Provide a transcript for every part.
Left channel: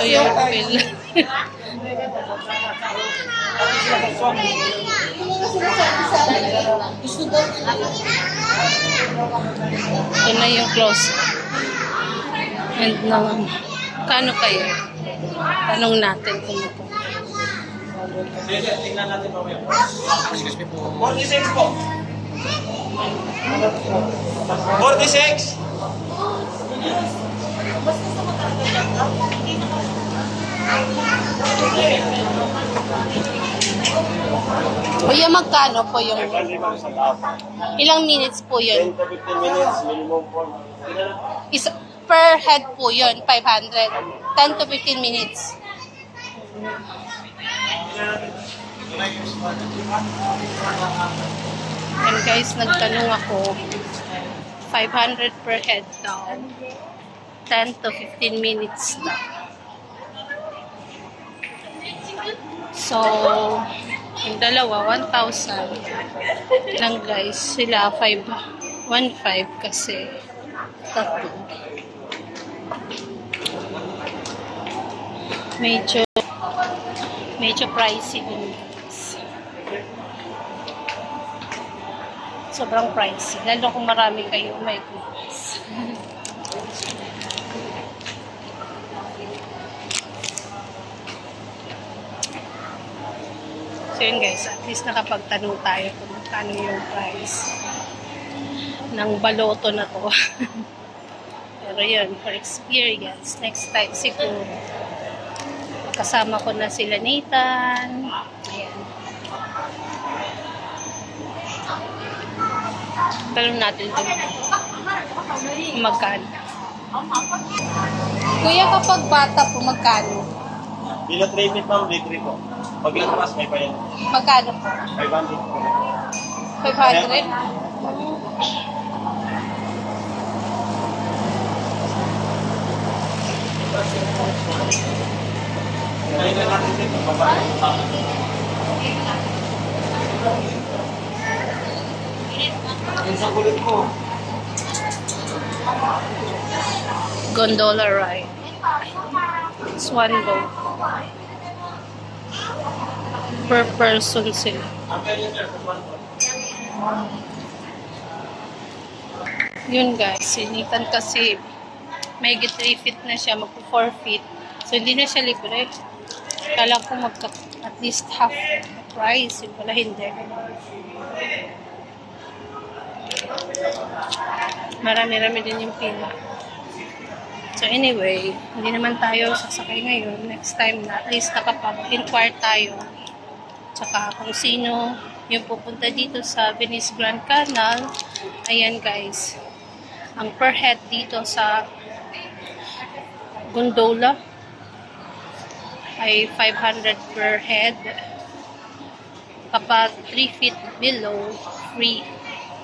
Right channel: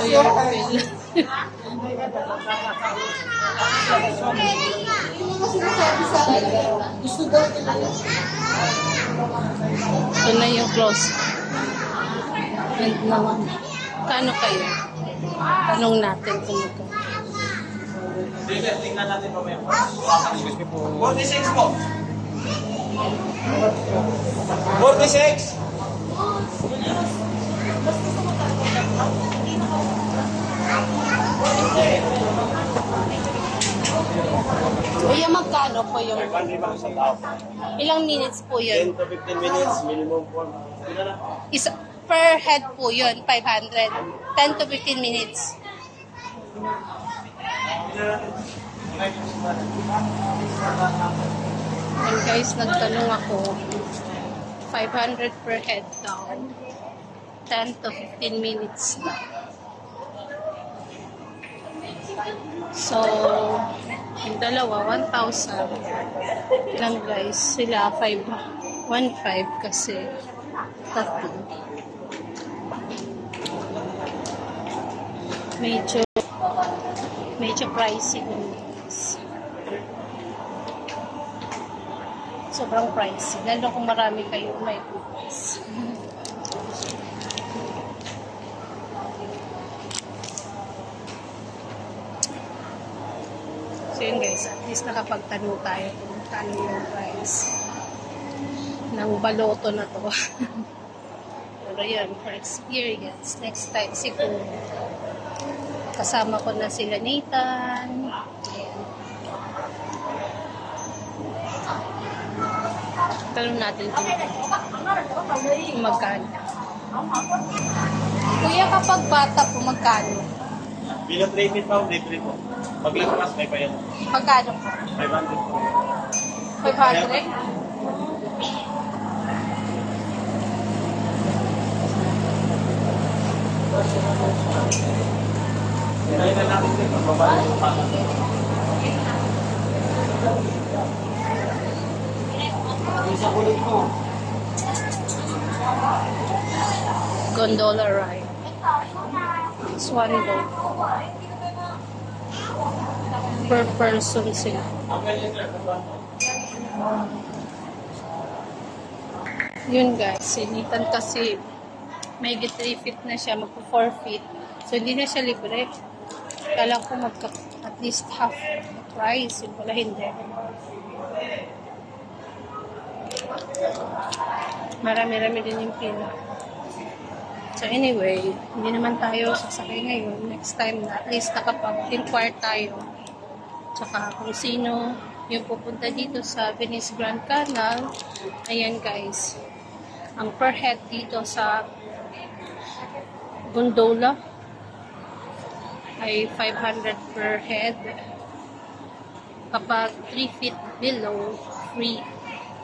Ito yung bill. Ito na yung close. And naman, kano kayo? Tanong natin kung ito. Tingnan natin mamaya. Excuse me po. 46 po. 46. Kuya, magkano po yung... Ilang minutes po yun? 10 to 15 minutes, minimum po. Isa, per head po yun, 500. 10 to 15 minutes. And guys, nagtanong ako, 500 per head daw. 10 to 15 minutes daw. So, yung dalawa, 1,000 lang guys. Sila, 1,500 kasi tatlo. Medyo pricey din guys. Sobrang pricey. Lalo kung marami kayo, my goodness. So yun guys, at least nakapagtanong tayo kung magkano yung price ng baloto na to. Pero yun, for experience, next time siguro kasama ko na sila Nathan. Ayan. Tanong natin kung magkano. Kuya, kapag bata po, magkano? Bilo 3 feet pa, litre po. Pag ilumas, may pa yan. Magkano po? 500 po. 500? Ngayon na natin din, magbabago yung tao. Yung sa kulit ko. Gondola ride. Swan boat. Per person sila. Yun guys, sinitan kasi may 3 feet na siya, magpo 4 feet. So hindi na siya libre. Kala ko at least half the price. Yung pala hindi. Marami-rami din yung pila. So anyway, hindi naman tayo sasakay ngayon. Next time na, at least nakapag-inquire tayo. Tsaka kung sino yung pupunta dito sa Venice Grand Canal. Ayan guys. Ang per head dito sa gondola ay 500 per head. Kapag 3 feet below, free.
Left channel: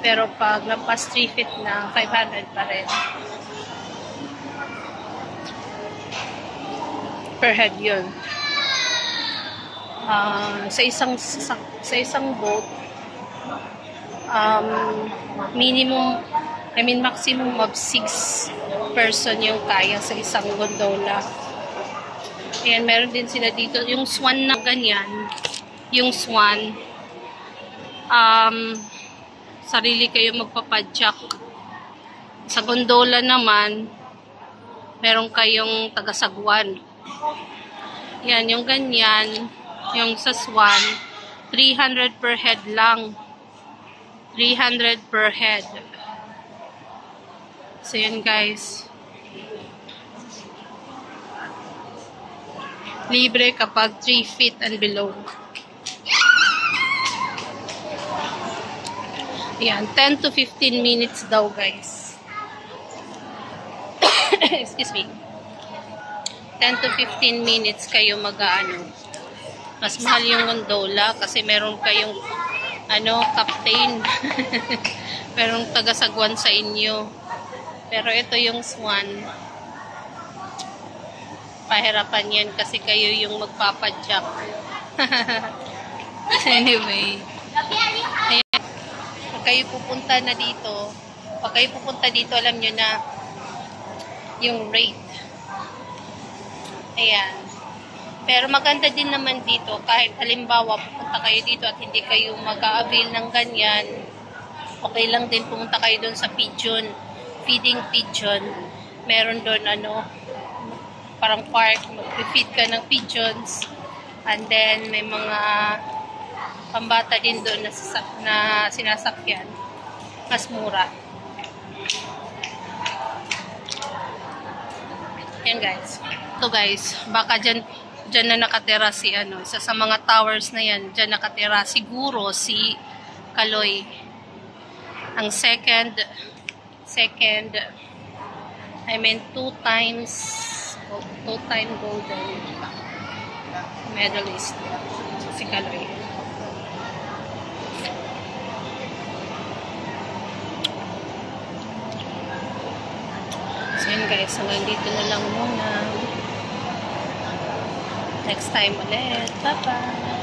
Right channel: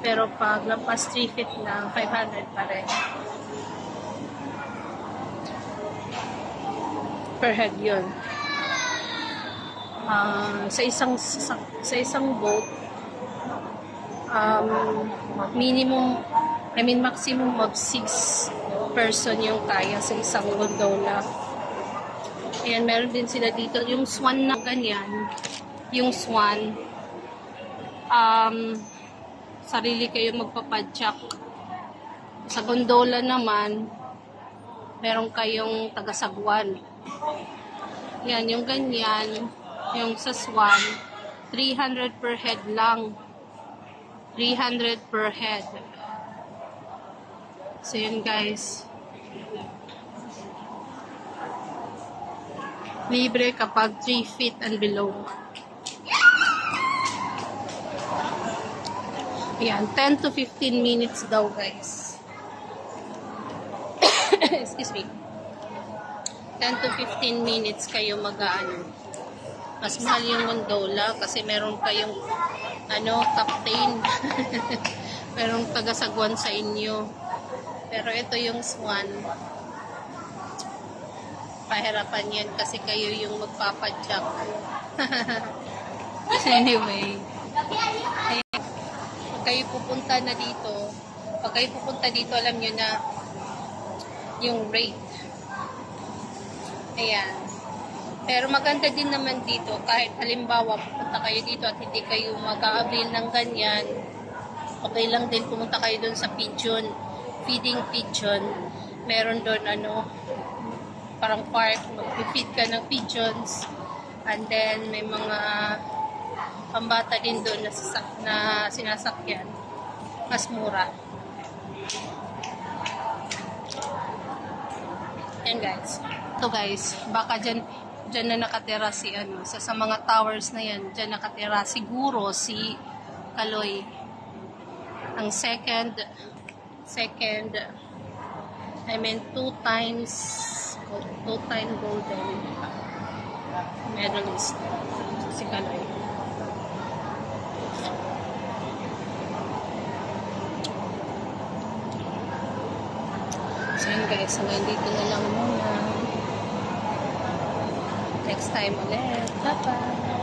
Pero pag lampas 3 feet na, 500 pa rin. Per head yun. Sa isang boat, maximum of 6 person yung kaya sa isang gondola. Ayan, meron din sila dito. Yung swan na ganyan, yung swan, sarili kayo magpapadyak. Sa gondola naman, meron kayong tagasagwan. Yan, yung ganyan, yung sa Swan, 300 per head lang. 300 per head. So, yun guys. Libre kapag 3 feet and below. Yan, 10 to 15 minutes daw guys. Excuse me. 10 to 15 minutes kayo mag-ano. Mas mahal yung gondola kasi meron kayong captain. Merong taga-sagwan sa inyo. Pero ito yung Swan. Pahirapan yan kasi kayo yung magpapadyak. Anyway. Ayan. Pag kayo pupunta dito, alam nyo na yung rate. Ayan. Pero maganda din naman dito, kahit halimbawa pupunta kayo dito at hindi kayo mag-a-avail ng ganyan, okay lang din pumunta kayo doon sa pigeon, feeding pigeon. Meron doon parang park, mag-feed ka ng pigeons, and then may mga pambata din doon na sinasakyan. Mas mura. Yan guys. Ito guys, baka dyan na nakatira si isa sa mga towers na yan, dyan nakatira siguro si Kaloy. Ang second, two-time golden medalist si Kaloy. So yun guys, hanggang dito na lang muna. Next time ulit. Bye-bye!